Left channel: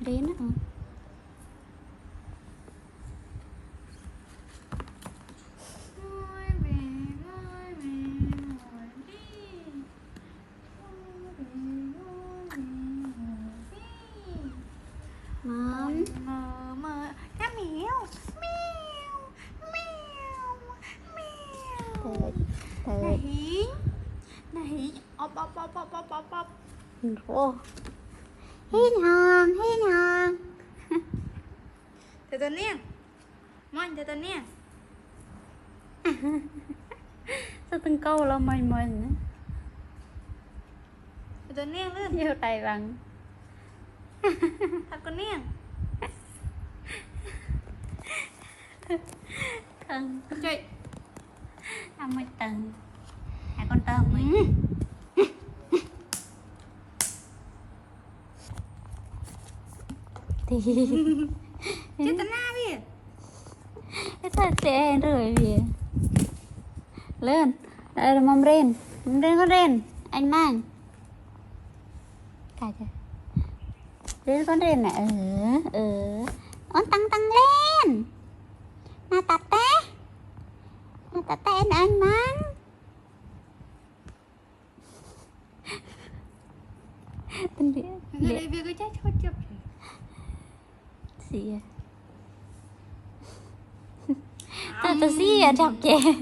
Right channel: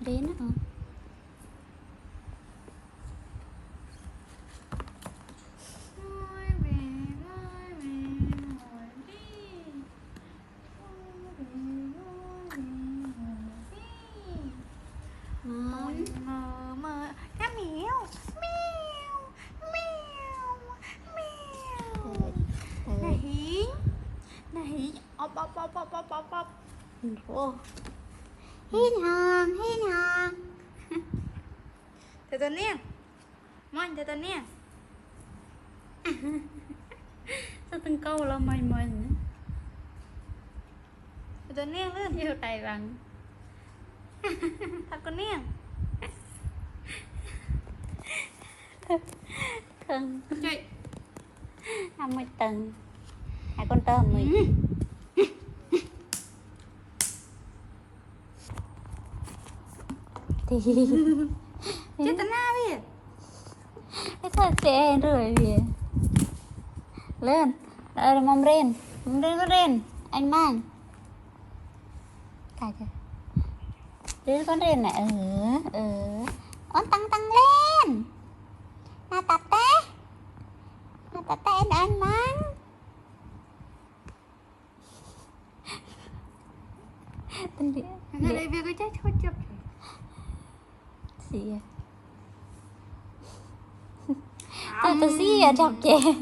đến á. Ngon. Mơ cá mèo mèo mèo mèo. Này ốp ốp ốp ốp ốp ốp ốp. Ồ. Hiên hòn, hiên hòn. Từ từ nè. Mình từ từ nè. Sao từng câu là mình nữa. Từ từ nè lên. Nhiều tay bằng. Thật con nè. Thương. Chơi. Ăn mới tầng. Hai con tôm mình. Thì Chết tao na đi. cái thật sẽ rồi vì lên đây là mâm ren con ren anh mang cài chưa con ren này con tăng lên na tata anh mang tên gì Người đây việc cái chết thôi chụp. gì tôi xí à chọc chị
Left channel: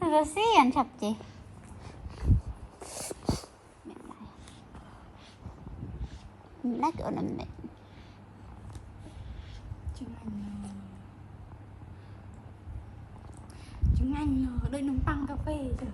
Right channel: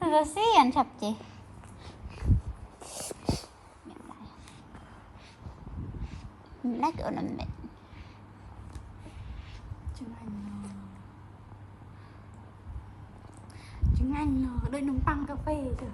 tôi xí à chọc chị lấy kiểu làm mẹ Trứng anh đôi nấm tăng cà phê rồi.